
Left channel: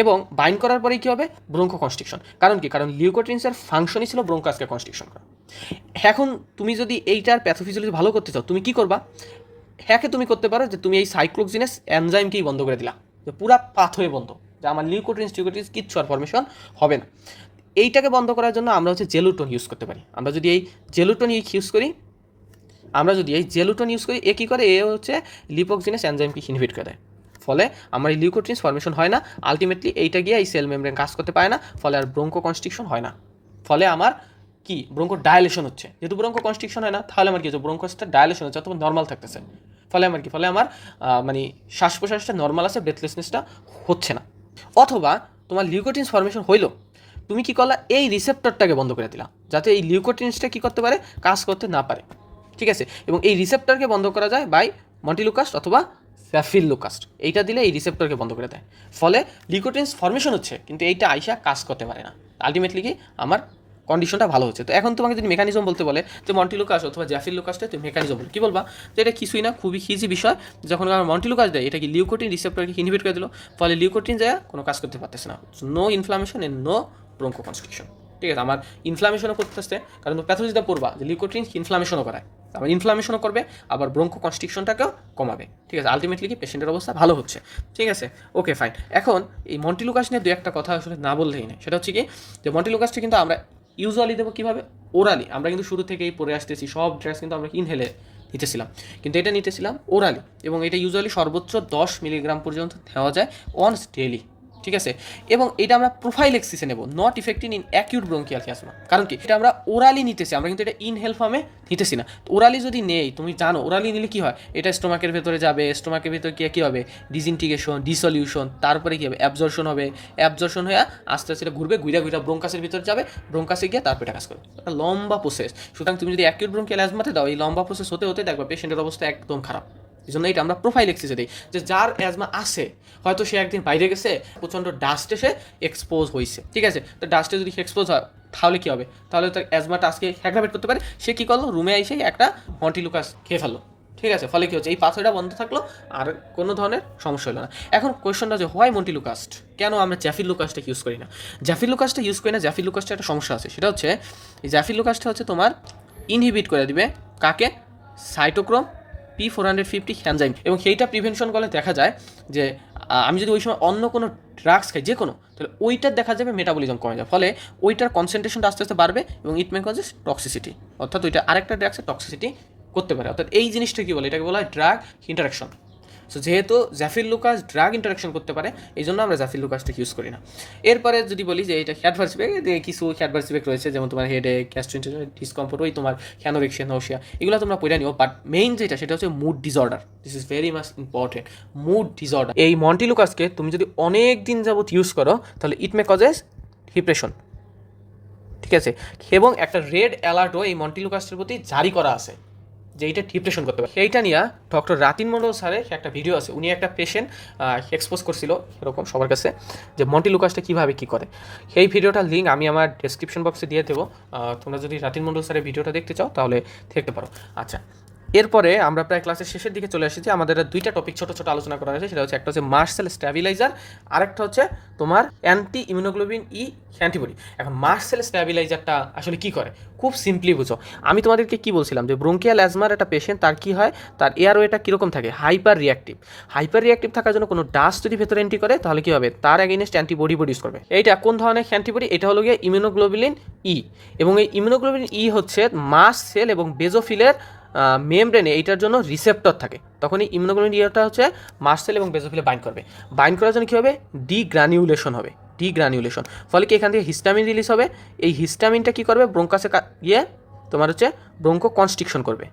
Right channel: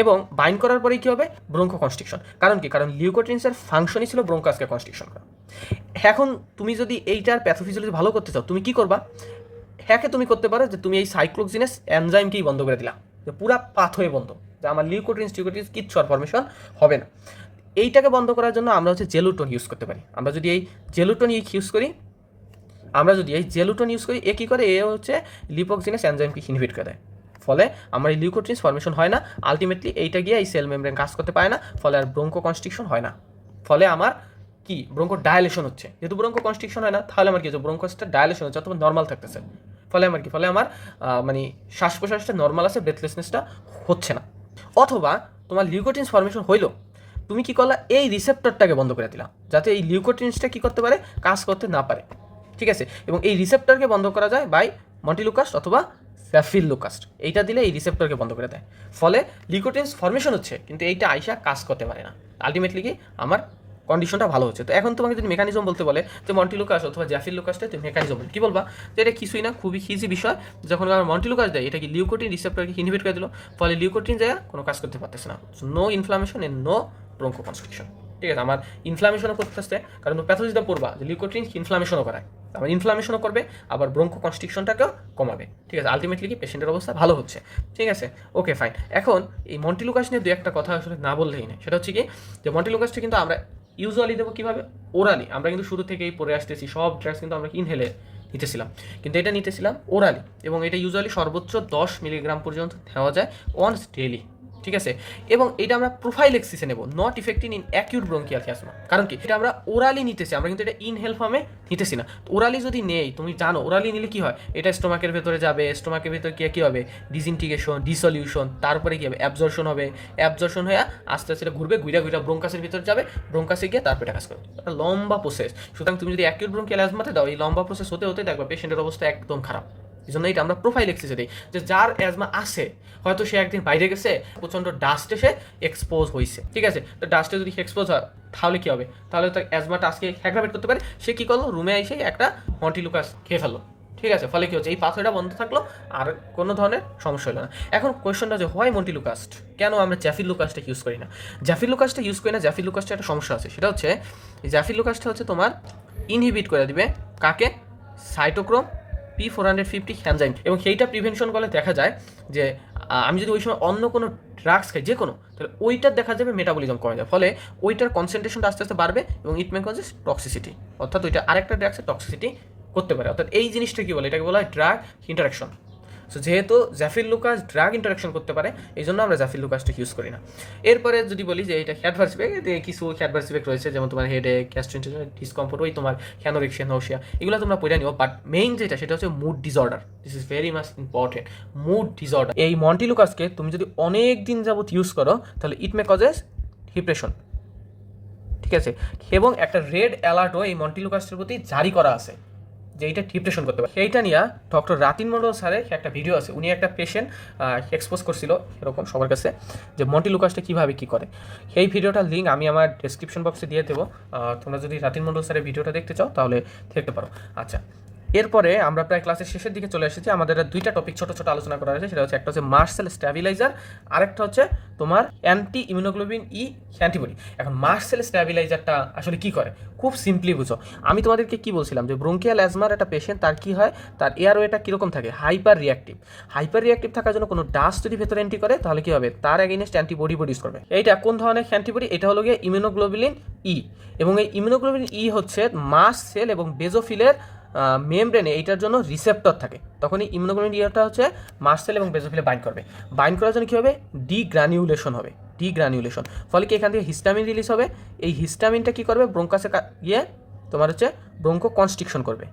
এবং বাইন্ড করার পরে কী হবে? ব্রোঙ্কো কনস্ট্রিকশন কারণ কি? কারণ লিউকোট্রিন্সের ফাংশনই ছিল ব্রোঙ্কাসকে কনস্ট্রিকশন করা। এখন তুমি যদি এইটার প্যাথোফিজিওলজি ভালো করতে চাও, তুমি কি করবা? হ্যাঁকে তুমি করতে পারো যে তুমি এই সাইক্লোক্সিনেস এনজাইমকেই বন্ধ করে দিলা। যে পুরা পাথ হয়ে বন্ধ। যে আমার লিউকোট্রিন্স টিউকোট্রিন্স কিচ্ছু আর ফরমেশন হবে না। এইটাকে বন্ধ করার জন্য আমরা হচ্ছে জেলুটন ইউজ করতে পারি। আমরা যদি এই জেলুটন ইউজ করি, আমরা যদি এই জেলুটন ইউজ করি, এ কী করে? এ হচ্ছে লিপোক্সিনেস এনজাইমকে ইনহিবিট করে দেয়। ফলে আমার এই লিউকোট্রিন্স ফর্মেশন হয় না। আলটিমেটলি এইটা গিয়ে এই সেল মেমব্রেন কাজ করতে পারে না, ফলে আর ব্রোঙ্কো কনস্ট্রিকশন হয় না। ফলে আমার কি? ব্রঙ্কো ডায়ালেশন হচ্ছে। যেহেতু ব্রোঙ্কো কনস্ট্রিকশন হয় না, তাহলে আমার কি হচ্ছে? ব্রোঙ্কোসটা ডায়ালেশন হচ্ছে, অথবা নর্মাল থাকতেছে। ফলে আমার কি? ফলে আমার মানে শ্বাস প্রশ্বাসটা নর্মাল আছে ব্রেথলেসনেসটা হচ্ছে না। অথবা তোমার লিউকোটিন্স ফর্মেশন হইল, তুমি কি করলা? এই রিসেপ্টরটাকে বন্ধ করে দিলা, যাতে এই লিউকোটিন্সটা কি করতে পারে? কাজ করতে না পারে। ঠিক আছে? এবং এই রিসেপ্টরকে বন্ধ করা যায় বাই মন্টিলুকাস্ট অথবা স্যাফিল লুকাস্ট এইটা দিলে এই রিসেপ্টরকে বন্ধ করে দেয়। ফলে লিকোটেন্স ফর্মেশন হচ্ছে, কিন্তু এইটা আইসা কাজ করতে পারে না। আলটিমেটলি কি? আমার কন্ডিশনটা ভালো হচ্ছে। তো এখন তোমাকে যদি মেকানিজম বলতে বলে যে মন্টিলুকাস অথবা জ্যাফিল লুকাসটা তুমি মেকানিজম বল, কি বলবা? যে এটা কিছুই না, খুবই ইজি বিষয়। যখন আমার মন্টিলুকাস দেয়, এটা কি লিউকোটিন রিসেপ্টরকে ইনহিবিট করে দিল? ফলে লিউকোটিন যায় কোনো কাজ করতে পারতেছে না। No inflammation and no bronchoconstriction ঠিক আছে? আমার ইনফ্লামেশনও করতেছে কারণ প্যাথোলজিটা পড়বা, যে লিউকোট্রিন ইনফ্লামেশনও করায়। আমার ইনফ্লামেশনও করবে, আবার ব্রঙ্কো কনস্ট্রিকশনটাকেও কমাবে। ঠিক আছে? আলটিমেটলি কি পেশেন্টের অবস্থা ভালো হচ্ছে। ঠিক আছে? ওকে ফাইন এখন এই মন্টিলুকাস নিয়ে দু একটা কথা আসলে না বললেই নেই সেটা হচ্ছে কি, যে মন্টিলুকাসটা কিন্তু আমরা ইউজুয়ালি দেবো কীভাবে? ওরালি আমরা কিন্তু শুরু থেকেই পরে আসতেছি, সব ড্রাগস কিন্তু আমরা ইনহেলে নিতেছিলাম। কিন্তু এটা নিতেছিলাম ওরালি এবং এটা ইউজুয়ালি সর্বোচ্চ দশ মিলিগ্রাম পর্যন্ত দেওয়া যায় ওয়ান্স ডেলি ঠিক আছে? এবং এটা আমরা প্রোফাইল প্রোফাইলেক্সিসে নেব not effective in acute bronchial ক্যাসমা কারণ কি? এটা আমরা ওরালি নিতেছি, আমরা কিন্তু এটা ইনহেল ফর্মে নিতেছি না। ওরালি যদি নেই, তুমি জানো ওরালি নিলে কি হয়? এটা স্টোমাকের ভেতরে যাবে স্টোমাকের ভেতরে কি কী হবে? ডিসইন্টিগ্রেশন ডিসলিউশন তারপরে কী হবে? অ্যাবজর্শন হবে। অ্যাবজর্শন হয়ে আস্তে আস্তে এটা ঘুরবে ঘুরে ঘুরে ব্রঙ্কাসের ভিতরে যাবে ব্রঙ্কাসে গিয়ে তারপরে কাজ করবে। একটা লম্বা প্রসেস সুতরাং তুমি যদি অ্যাকিউট ব্রঙ্কিয়াল অ্যাজমাতে দাও, এই লম্বা প্রসেস হতে হতে দেখবে পেশেন্টের অবস্থা একদম খারাপ। এই জন্য এটা আমরা প্রোফাইল এক্সিসে দিই যে যার অ্যাজমা আছে, হয়তো সে একদিন বাইরে গেছে, প্রচণ্ড ডাস্টে সে এক্সপোজ হয়েছে ঠিক আছে? তো ডাস্টে যদি এক্সপোজ হয়, তাহলে কী হবে? তাহলে তার অ্যাজমাটা আজকে হ্যাগ্রাভেট করতে পারে। সে কী করল? রুমে এসে একটা মন্টিলুকাস খেয়ে ফেলল। ঠিক আছে? ফলে কী হচ্ছে? এই পাথরটা বন্ধ থাকল, আর কোনো ধরনের সমস্যা হলো না। এখন কোয়েশনটা যে হোয়াই মন্টিলুকাস্ট কেন আমরা জ্যাফিল লুকাসটা ইউজ করি না? জ্যাফিল লুকাসটা ইউজ করি না জ্যাফিল লুকাসটা একটা সমস্যা আছে। সেটা হচ্ছে এই জ্যাফিল লুকাসটা হচ্ছে তোমার ইনহিবিট করে দিবে কাকে? Cytochrome P four hundred fifty enzyme এবং সেইটা প্রিভেনশন করলে দেখা যায় যে আমি যদি ওই সময় অন্য কোনো ড্রাগস খাই যে কোনো তাহলে ওইটার দেখা যাবে মেটাবলিজম কমে যায় ফলে ওইটার কনসেন্ট্রেশনটা আস্তে আস্তে বাড়বে এবং ইট মে কজেস টক্সিসিটি অর্থাৎ ওইটা আরেকটা ড্রাগসের টক্সিসিটি করতে পারে। অর্থাৎ এই জিনিসটা কী বলে? এটাকে বলা হয় ড্রাগ ইন্টারাকশন সো যেহেতু জাফিল লুকাস ড্রাগ ইন্টারাকশন করতে পারে, এই জন্য আমরা জাফিল লুকাসটা ইউজ করি না। এরপরে যদি বলি যে এটা হ্যাডভার্স ইফেক্ট কিছু হ্যাডভার্স ইফেক্ট রয়েছে, যেমন তোমার হেডে গ্যাস্ট্রেন্টের ডিসকমফোর্ট ওই তোমার হ্যানোরেক্সিয়া নৌসিয়া এগুলো তোমরা পড়ে নিও। বাট মেইন যেটা, সেটা হচ্ছে mood disorder this is very much important mood disorder এই মন্টিলুকাসকে তুমি যদি অনেক দিন যাবত ইউজ করো, তাহলে ইট মে কজেস ডিপ্রেশন ঠিক আছে? এবং একটা রেড অ্যালার্টও এই মন্টিলুকাসের প্রতি জারি করা আছে। যে এইটা ডিপ্রেশন করতে পারে। এইটা নিয়ে ডক্টর রাতিন মন্ডল স্যারের একটা ভিডিও আছে। উনি একটা পেশেন্ট এক্সপোজ করছিল এরকম সবার কাছে যে মন্টি লুকাসটা কীভাবে কী করে। সেই ভিডিওটার লিঙ্ক আমি আমার ডেসক্রিপশন বক্সে দিয়ে দেবো। তোমরা যদি রাতিন মন্ডল স্যারের ভিডিওটা দেখতে চাও তাহলে দেখতে পারো। আচ্ছা এরপরে আমরা প্রায় ক্লাসের শেষের দিকে চলে এসেছি। আমাদের দুইটা টপিক ছোট ছোট আলোচনা করা হয়েছে। সেটা হচ্ছে একটা হচ্ছে মার্সেল স্ট্যাবিলাইজার আরেকটা হচ্ছে তোমার অ্যান্টি ইমিউনোগ্লোবিন ই অ্যান্টিবডি এখন মার্সেল স্ট্যাবিলাইজারটা আসলে কি করে? খুব সিম্পলি বুঝো। আমি তোমাদেরকে কি বলছিলাম যে ব্রোঙ্কিয়াল অ্যাজমার একটা পেশেন্ট তার কি হয়? তার এয়ারওয়েটা কীরকম থাকে? হাইপার রিয়াক্টিভ হাইপার রিয়াক্টিভ থাকার জন্য কোনো ডাস্ট যদি ভেতরে এন্ট্রি করে, তাহলে কি হবে? তার এগেনস্ট অ্যান্টিবডি প্রডিউস করবে। এইটা কোন ধরনের অ্যান্টিবডি এটা হলো গিয়ে ইমিউনোগ্লোবিলিন ই এবং এই ইমিউনোগ্লোবিলিন ই হচ্ছে মাস সেল এবং বেজোফিলের মেমব্রেনে এইটার জন্য রিসেপ্টর থাকে। তখন এই ইমিউনোগ্লোবিন ইটা হচ্ছে মার্সেল এবং বেজোফিলে বাইন্ড করবে। বাইন্ড করার জন্য কী হবে? ডিগ্রানিউলেশন হবে। ডিগ্রানিউলেশন ফলে কি এখান থেকে হিস্টামিন রিলিজ হবে? এই হিস্টামিনটা কী করবে? ব্রঙ্কাসে গিয়ে তোমার হচ্ছে ব্রঙ্কো কনস্ট্রিকশন করবে।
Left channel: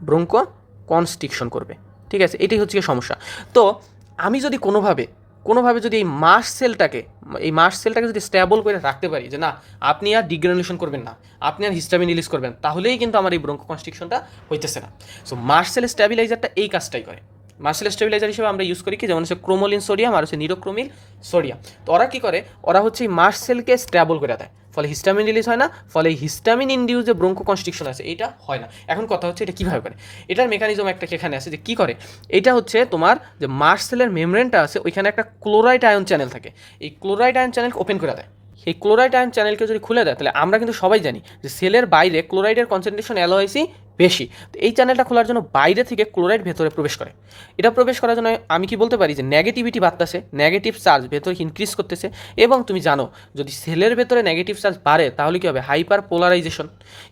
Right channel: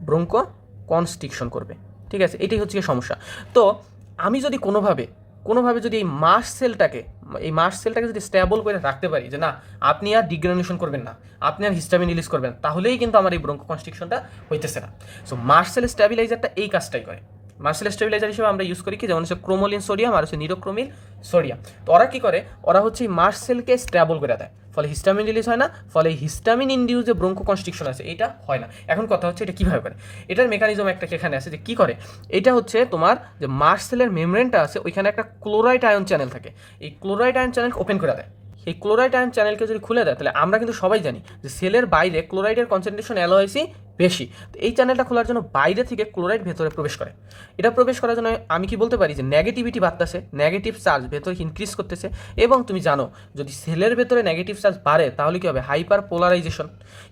ব্রঙ্কো কনস্ট্রিকশন করবে। ঠিক আছে? এটাই হচ্ছে সমস্যা। তো আমি যদি কোনোভাবে কোনোভাবে যদি এই মাস সেলটাকে, এই মাস সেলটাকে যদি স্ট্যাবল করে রাখতে পারি যে না, আপনি আর ডিগ্রানুলেশন করবেন না, আপনি আর হিস্টামিন রিলিজ করবেন, তাহলেই কিন্তু আমার এই ব্রঙ্কো কনস্ট্রিকশনটা হইতেছে না। সো মাস সেল স্ট্যাবিলাইজারটা এই কাজটাই করে। মার্সেল স্টেবিলাইজার হিসেবে আমরা ইউজ করি কি? যেমন হচ্ছে ক্রোমোলিন সোডিয়াম আর হচ্ছে নিরোক্রোমিল সোডিয়াম। তো ওরা কী করে? ওরা হচ্ছে এই মাস সেলকে স্ট্যাবল করে দেয়। ফলে হিস্টামিন রিলিজ হয় না, ফলে হিস্টামিন ইন্ডিউস যে ব্রঙ্কো কনস্ট্রিকশন আছে, এটা হয় না। এখন কথা হচ্ছে এটা কীভাবে করে? এটার মেকানিজম একটা এখানে আছে যে কী করে? এটা হচ্ছে তোমার যে মার্স সেলের মেমব্রেনটা আছে, ওইখানে একটা ক্লোরাইড আয়ন চ্যানেল থাকে। এই ক্লোরাইড আয়ন চ্যানেল ওপেন করে দেয়। সেই ক্লোরাইড আয়ন চ্যানেলকে যদি খুলে দেয়, তাহলে আমরা কিন্তু সবাই জানি যে সেলের বাইরে ক্লোরাইডের কনসেন্ট্রেশন অ্যালোয়াইসি বেশি। তো এই চ্যানেলটা খোলার জন্য বাইরে থেকে ক্লোরাইড ভেতরে প্রবেশ করে। এটা প্রবেশ করার জন্য আমি কি বলতে পারি যে নেগেটিভিটি বাড়তেছে নেগেটিভ চার্জ ভেতরে ইনক্রিজ করতেছে এবং তুমি জানো, যদি সেলের ভেতরে নেগেটিভ চার্জ বাড়ে, তাহলে কি হবে? হাইপার পোলারাইজেশন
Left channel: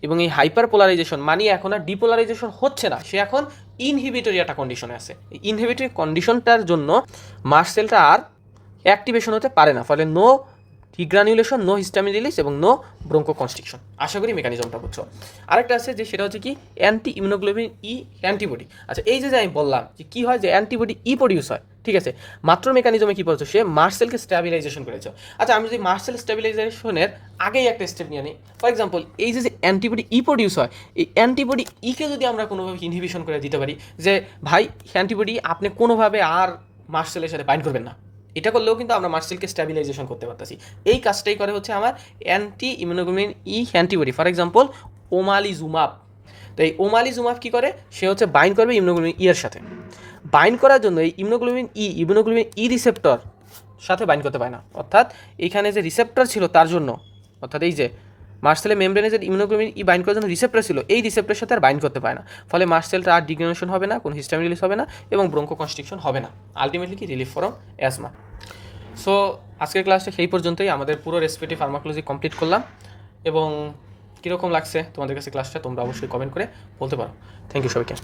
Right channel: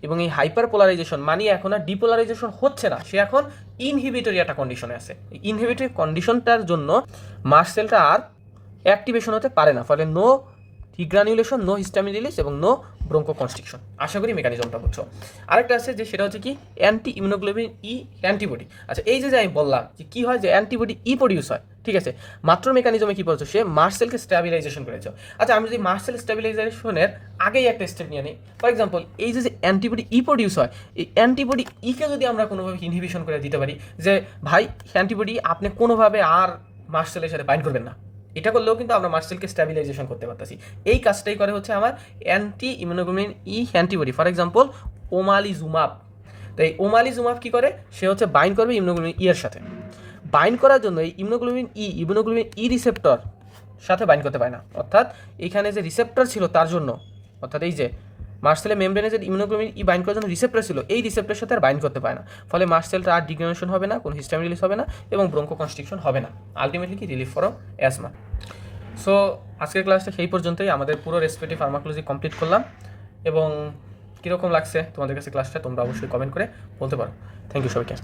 এবং এই হাইপার পোলারাইজেশন মানে এখন আর ডিপোলারাইজেশন হচ্ছে না, সে এখন ইনহিবিটরি একটা কন্ডিশনে আছে। ইনহিবিটরি কন্ডিশনটার জন্য মাস সেলটা আর অ্যাক্টিভেশন হতে পারে না, ফলে no degranulation no histamine release এবং নো ব্রঙ্কো কনস্ট্রিকশন আশা করি মেকানিজমটা বুঝছ। আরেকটা আছে যে সেটা হচ্ছে কি অ্যান্টি ইমিউনোগ্লোবিন ই অ্যান্টিবডি আচ্ছা এই যে আমি বললাম যে কী হয় যে অ্যান্টিবডি ই প্রডিউস হয়, ঠিক আছে? মাত্র মেকানিজমে কী বলছো? সে মার্সেলকে স্ট্যাবিলাইজেশন করেছে। আচ্ছা আমি যদি মার্সেল স্ট্যাবিলাইজেশনের আগেই একটা স্টেপ নিয়ে নিই ফর এক্সাম্পল এই যে অ্যান্টিবডি ই প্রডিউস হয়, এই অ্যান্টিবডি ইকে যদি আমরা কোনোভাবে ইনহিবিশন করে দিতে পারি, যে ভাই অ্যান্টিবডি আপনি কোনোভাবে আর মার্সেলের সাথে বাইন্ড করবেন না। এটা করলেও কিন্তু আমরা মার্সেলকে স্ট্যাবিলাইজেশন করতে পারতেছি। এই কাজটাই করে হচ্ছে আমার anti immunoglobulin E antibody for example omalizumab তো এই ওমালি ওমালিজুমাব কী করে? সে হচ্ছে বাইন্ড করবে ইমিউনোগ্লোবিন ই এর সাথে। বাইন্ড করার জন্য এই immunoglobulin E immunoglobulin E receptor সাথে বাইন্ড করতে পারে না। অর্থাৎ এখানে যে রিসেপ্টর ছিল তার জন্য, অর্থাৎ এই যে মার্সেলের মেমব্রেনে যে ইমিউনোগ্লোবিন ই বাইন্ড করার জন্য রিসেপ্টর ছিল, এই রিসেপ্টরের সাথে আর বাইন্ড করতে পারে না। ফলে মার্সেলটা আর ডিগ্রেনেশন হবে না, কোনো হিস্টামিন রিলিজ হবে না এবং ব্রঙ্কো কনস্ট্রিকশন হবে না। আলটিমেটলি কি? রিলিফ ফরম অ্যাজমা সো আজকের ক্লাসটা সেই পর্যন্তই। আমাদের পুরো রেসিপিটি ফার্মাকোলজি কমপ্লিট করলাম এবং কীরকম লাগছে তোমাদের কাছে ক্লাসটা, তোমরা অবশ্যই কমেন্ট করে বলতে পারো। থ্যাংক ইউ সবাইকে।